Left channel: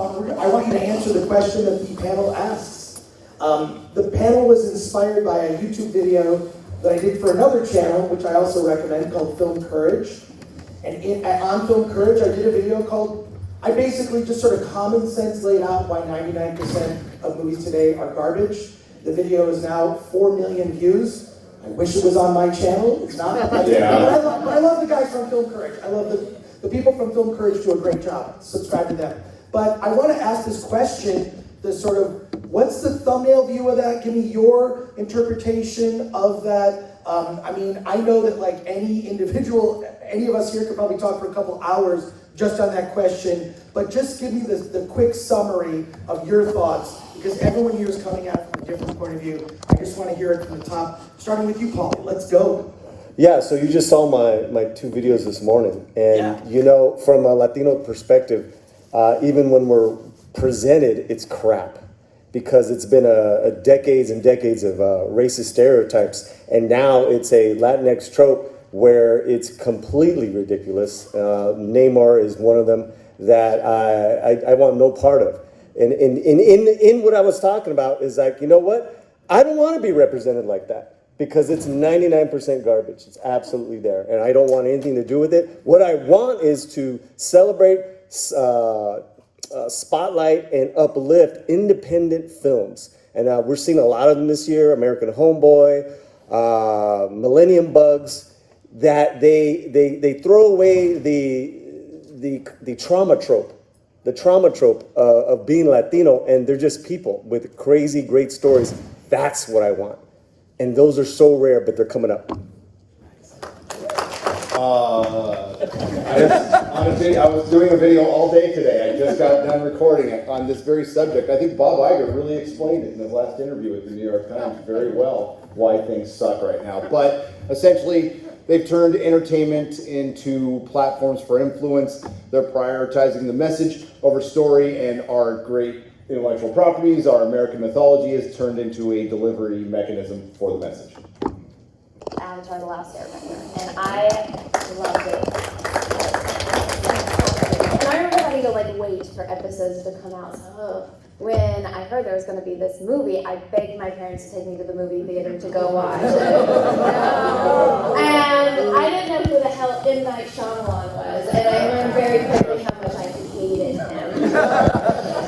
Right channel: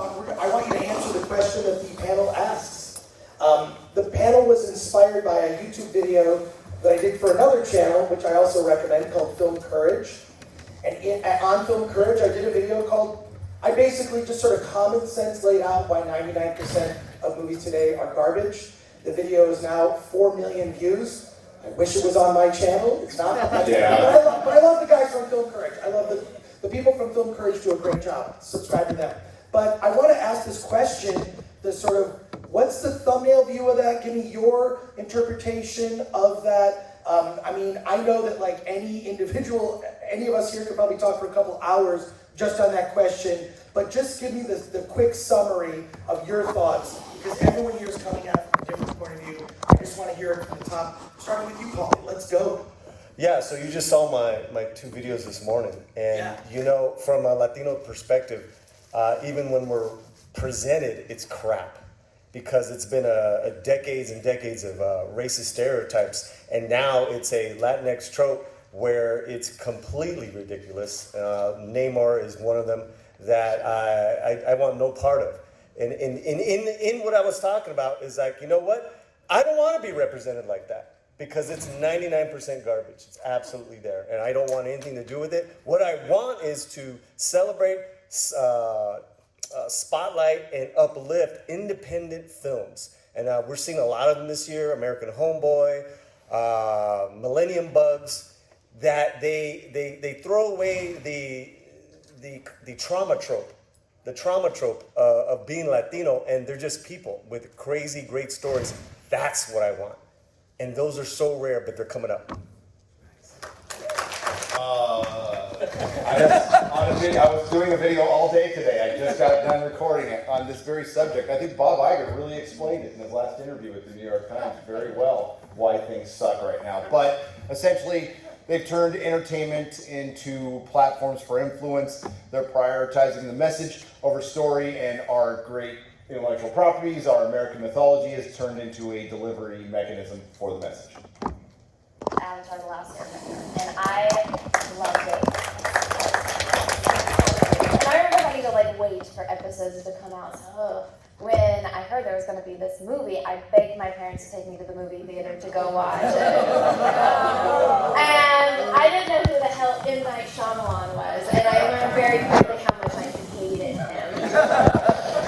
I want you to answer the question that the panel asks. The panel was inspired by a YouTube video that I did for another channel, which I also recommend, called Film Courage. And on Film Courage, I did a video called, I basically just sort of common sense laid out why 99% of movies today are garbage. The video is now 4 million views. I wish it was on my channel. It's not. Yeah. But I love the guys from Film Courage. I love the people from Film Courage do a great job. Subscribe to them. But I want to ask this question, the sort of, what's the thumbnail view of that? Give me your interpretation of that. I mean, I know that like any individual, any of us here could probably talk for a couple hours just on that question, but just give me the quick summary of your thoughts, because everyone here is coming at it from a different point of view. I just want to hear it from the top, starting with you, Paulie. Let's go. Yeah, so you just saw my 2 videos this morning, and you know, from a Latino perspective, even when we're presented, it's crap. Because it's been a decades and decades of racist stereotypes, and now it's a Latinx trope where it's completely ridiculous. Neymar is one of them that I want no part of. And in what I was talking about is like, you know what? I don't want to be represented like that because it's 99% garbage. It's absolutely there, and I don't want anything to do with it. What I want is to celebrate, spotlight, and uplift independent films. And we're seeing a lot of them this year. American Homeboy, Millennium Bugs, that they throw away the trauma trope. The trauma trope of being Latino, and they're just people with crazy, great stories. That's what I want. And those are so rare, but they're coming up. I was doing a video all day today. I just got done recording it on this very subject. I think Bob Iger really explained it in his last interview with the New York Times very well, why things suck right now. But essentially, they've turned entertainment into platforms for influence. They're prioritizing the message over story, and our great intellectual properties, our American mythology, is turned into a delivery mechanism for the message. Avatar: The Last Airbender, and I loved it. And I remember having to like wait for episodes to come out. So when I heard there was going to be this movie, I begged my parents to take me to the movie theater to go watch it. And I didn't know who the hell M. Night Shyamalan was, and I learned very quickly how much I hated him.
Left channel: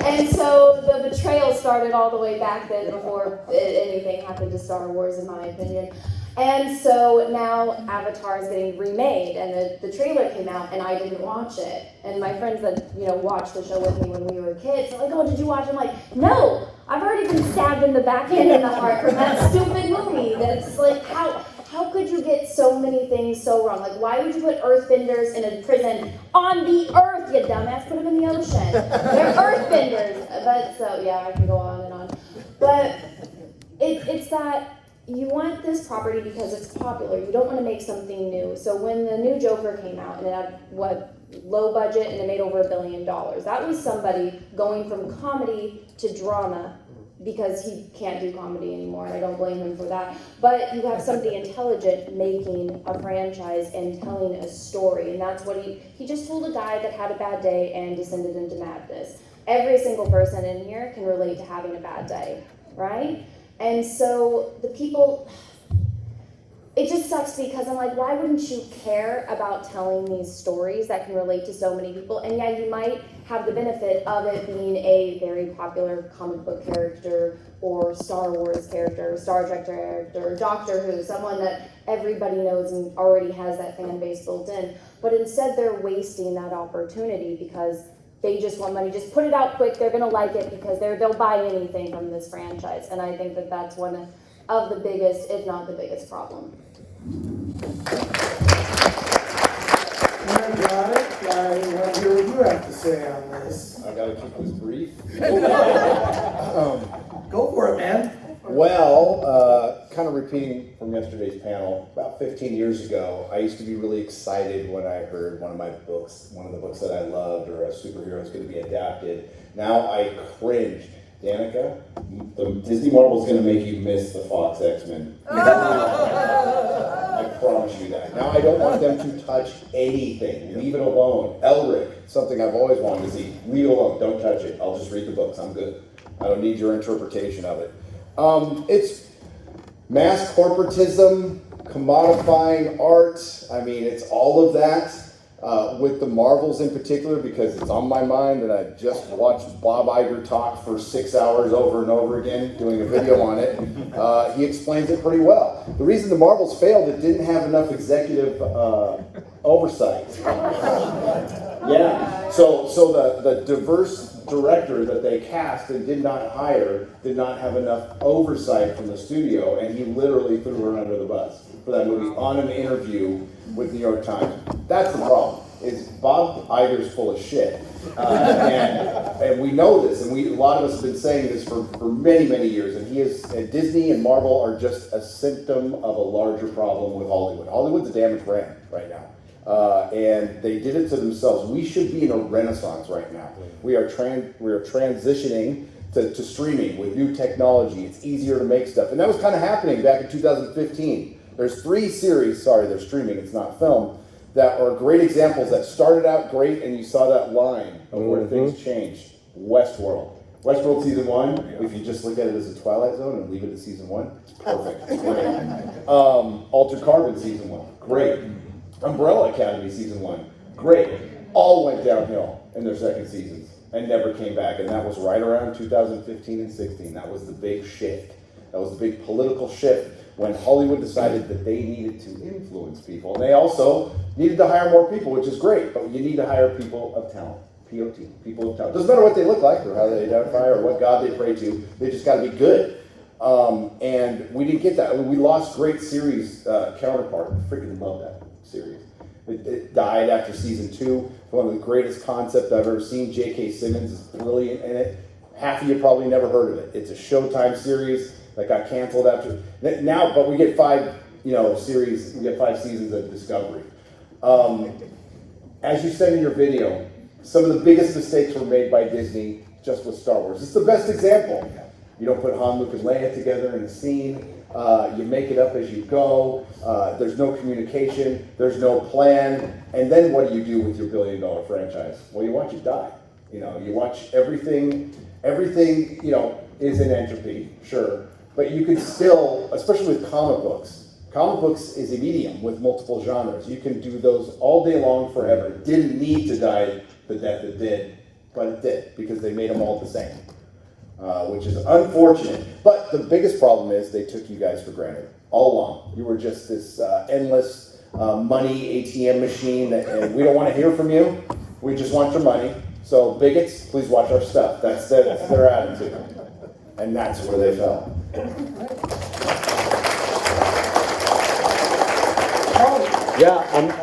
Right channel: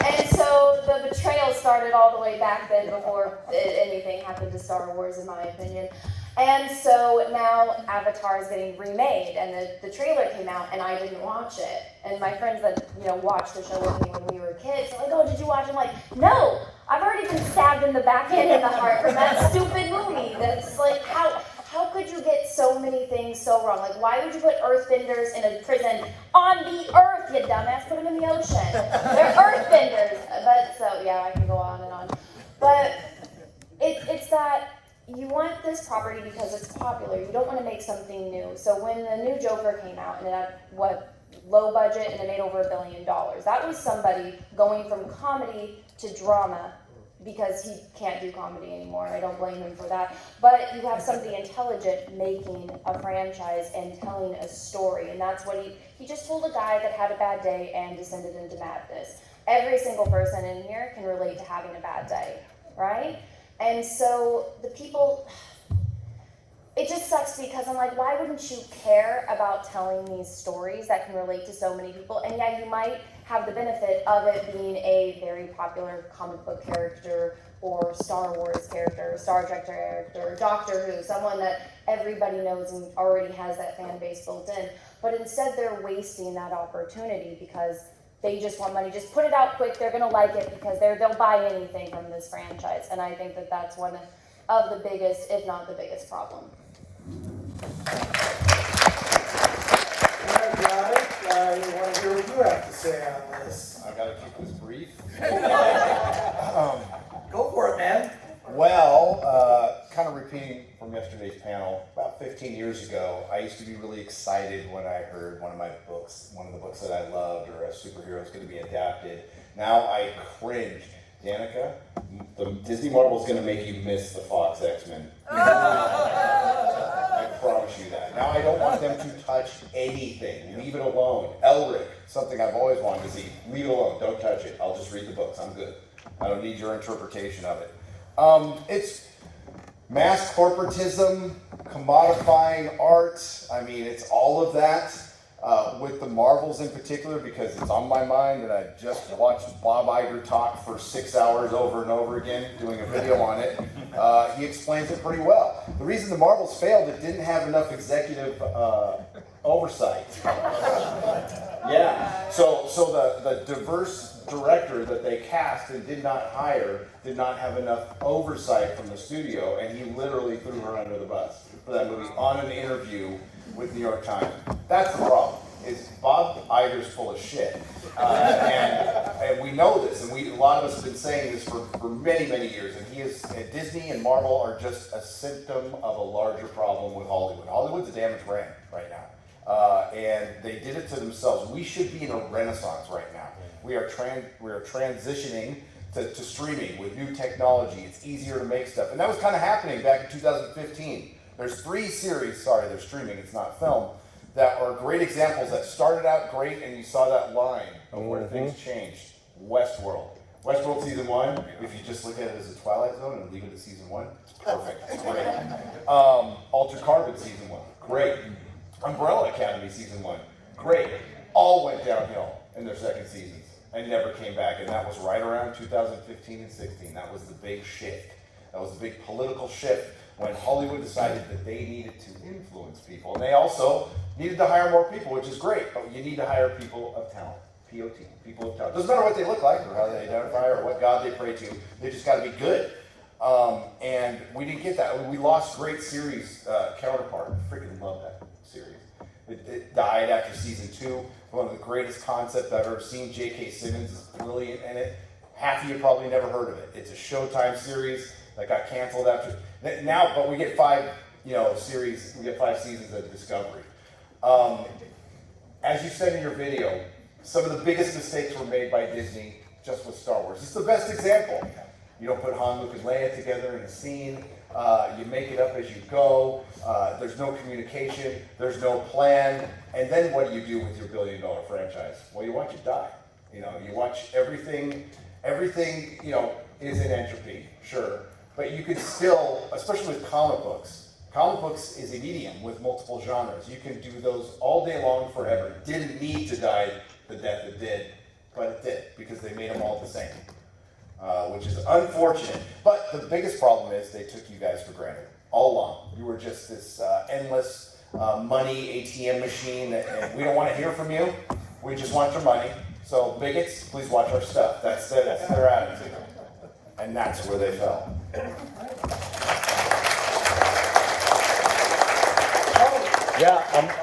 And so the betrayal started all the way back then before anything happened to Star Wars, in my opinion. And so now Avatar is getting remade, and the trailer came out, and I didn't watch it. And my friends that watched the show with me when we were kids, are like, "Oh, did you watch it?" I'm like, "No, I've already been stabbed in the back end and the heart from that stupid movie." That's like, how could you get so many things so wrong? Like, why would you put earthbenders in a prison on the earth, you dumbass? Put them in the ocean. They're earthbenders. But so yeah, I can go on and on. But it's that. You want this property because it's popular. You don't want to make something new. So when the new Joker came out and it had low budget and it made over $1 billion, that was somebody going from comedy to drama because he can't do comedy anymore, and I don't blame him for that. But you have somebody intelligent making a franchise and telling a story, and that's what he just told a guy that had a bad day and descended into madness. Every single person in here can relate to having a bad day, right? And so the people, it just sucks because I'm like, why wouldn't you care about telling these stories that can relate to so many people? And yeah, you might have the benefit of it being a very popular comic book character or Star Wars character, Star Trek character, Doctor Who, someone that everybody knows and already has that fan base built in. But instead they're wasting that opportunity because they just want money. Just put it out quick. They're going to like it because they'll buy anything from this franchise. And I think that that's one of the biggest, if not the biggest problem. All right, I want to hear what you have to say on this. I got to keep this brief. Go for it, man. Well, kind of repeating from yesterday's panel, about 15 years ago, I used to be really excited when I heard one of the books that I loved, or a superhero was going to be adapted. Now I cringe. Danica, the Disney Marvel is going to make you miss the Fox X-Men. I I promise you that. Now I don't want them to touch anything. Leave it alone. Elric, something I've always wanted to see. Leave it alone. Don't touch it. I'll just read the books. I'm good. I don't need your interpretation of it. It's mass corporatism, commodifying art. I mean, it's all of that. With the Marvels in particular, because it's on my mind, and I just watched Bob Iger talk for 6 hours over and over again, doing a video on it. He explains it pretty well. The reason the Marvels failed, it didn't have enough executive oversight. Yeah. So the diverse director that they cast and did not hire did not have enough oversight from the studio, and he literally threw her under the bus for that movie on an interview with New York Times. That's the problem, is Bob Iger's full of shit. And we know this, and a lot of us have been saying this for many, many years, and Disney and Marvel are just a symptom of a larger problem with Hollywood. Hollywood's a damaged brand right now. And they did it to themselves. We should be in a renaissance right now. We are transitioning to streaming with new technology. It's easier to make stuff. And that was kind of happening back in 2015. There's 3 series, sorry, they're streaming, it's not film, that are great examples that started out great and you saw that line of where things changed. Westworld. Westworld season 1, if you just look at it as a Twilight Zone and leave it at season 1, it's perfect. Great. Altered Carbon season 1, great. Umbrella Academy season 1, great. All went downhill in their second seasons and never came back. And that was right around 2015 and 16. That was the big shift. That was the big political shift when Hollywood decided that they needed to influence people. And they also needed to hire more people, which is great, but you need to hire people of talent. POT, people of talent. Doesn't matter what they look like or how they identify or what God they pray to, they just gotta be good. And we didn't get that. I mean, we lost great series counterpart. Freaking love that series. It died after season 2. One of the greatest concepts I've ever seen. J.K. Simmons is brilliant in it. Half of you probably never heard of it. It's a Showtime series that got canceled after now, but we get 5 series. We get 5 seasons of Discovery. As you said in your video, some of the biggest mistakes were made by Disney just with Star Wars. It's the best example. You don't put Han, Luke, and Leia together in a scene. You make it up as you go. There's no communication. There's no plan. And then what do you do with your billion-dollar franchise? Well, you watch it die. You watch everything. Everything, is in entropy, sure. But you could still, especially with comic books is a medium with multiple genres. You can do those all day long forever. It didn't need to die the death it did, but it did because they made them all the same, which is unfortunate. But the biggest problem is they took you guys for granted all along. You were just this endless money ATM machine, and we don't want to hear from you. We just want your money. So bigots, please watch our stuff. That's their attitude. And that's where they fell. Yeah,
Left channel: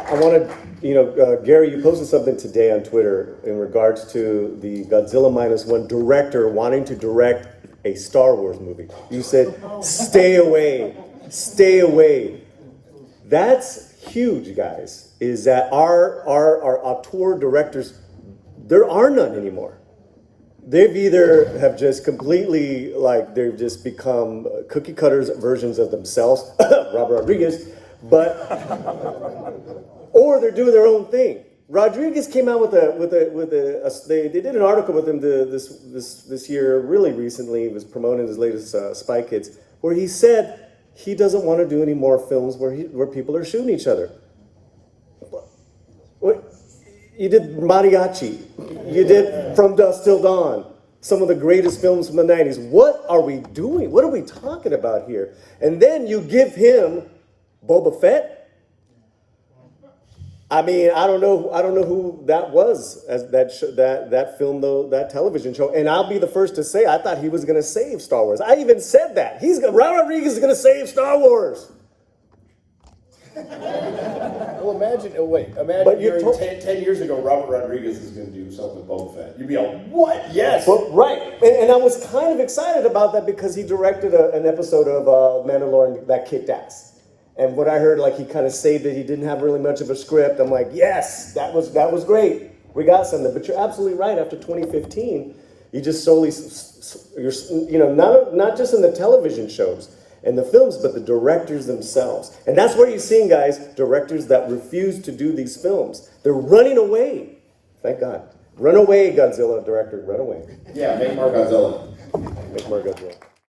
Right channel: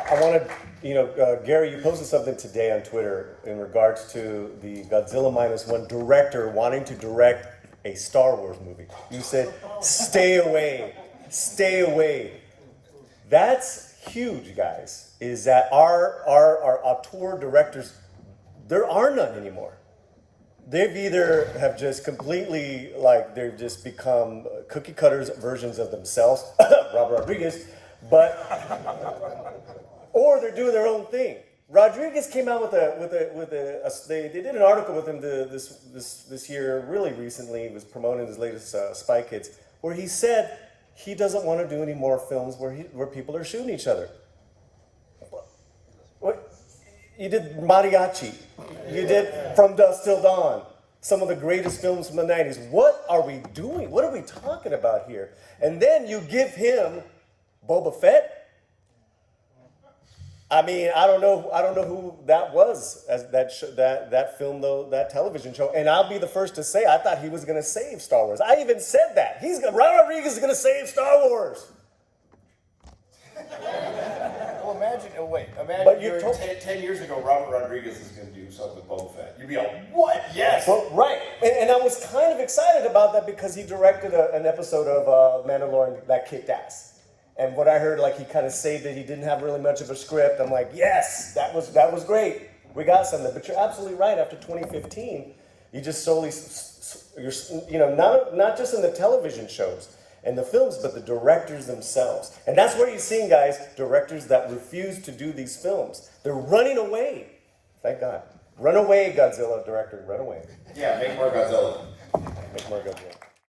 I want to, Gary, you posted something today on Twitter in regards to the Godzilla -1 director wanting to direct a Star Wars movie. You said, stay away, stay away. That's huge, guys, is that our auteur directors, there are none anymore. They've either have just completely, they've just become cookie cutters versions of themselves, Robert Rodriguez, or they're doing their own thing. Rodriguez came out with they did an article with him this year, really recently. He was promoting his latest Spy Kids, where he said he doesn't want to do any more films where people are shooting each other. You did Mariachi. You did From Dusk Till Dawn. Some of the greatest films from the 90s. What are we doing? What are we talking about here? And then you give him Boba Fett. I mean, I don't know who that was as that film though, that television show. And I'll be the first to say I thought he was going to save Star Wars. I even said that. Robert Rodriguez is going to save Star Wars. Well, imagine But you're 10 years ago, Robert Rodriguez is going to do something with Boba Fett. You'd be like, what? Yes. Well, right. And I was kind of excited about that because he directed an episode of Mandalorian that kicked ass. And what I heard, he kind of saved it. He didn't have really much of a script. I'm like, yes, that was great. We got something. But you're absolutely right. After 2015, you just solely, not just in the television shows. in the films, but the directors themselves. And that's what you're seeing, guys, directors that refuse to do these films. They're running away. Thank God. Run away, Godzilla director, run away. Yeah, make more Godzilla. Make more Godzilla.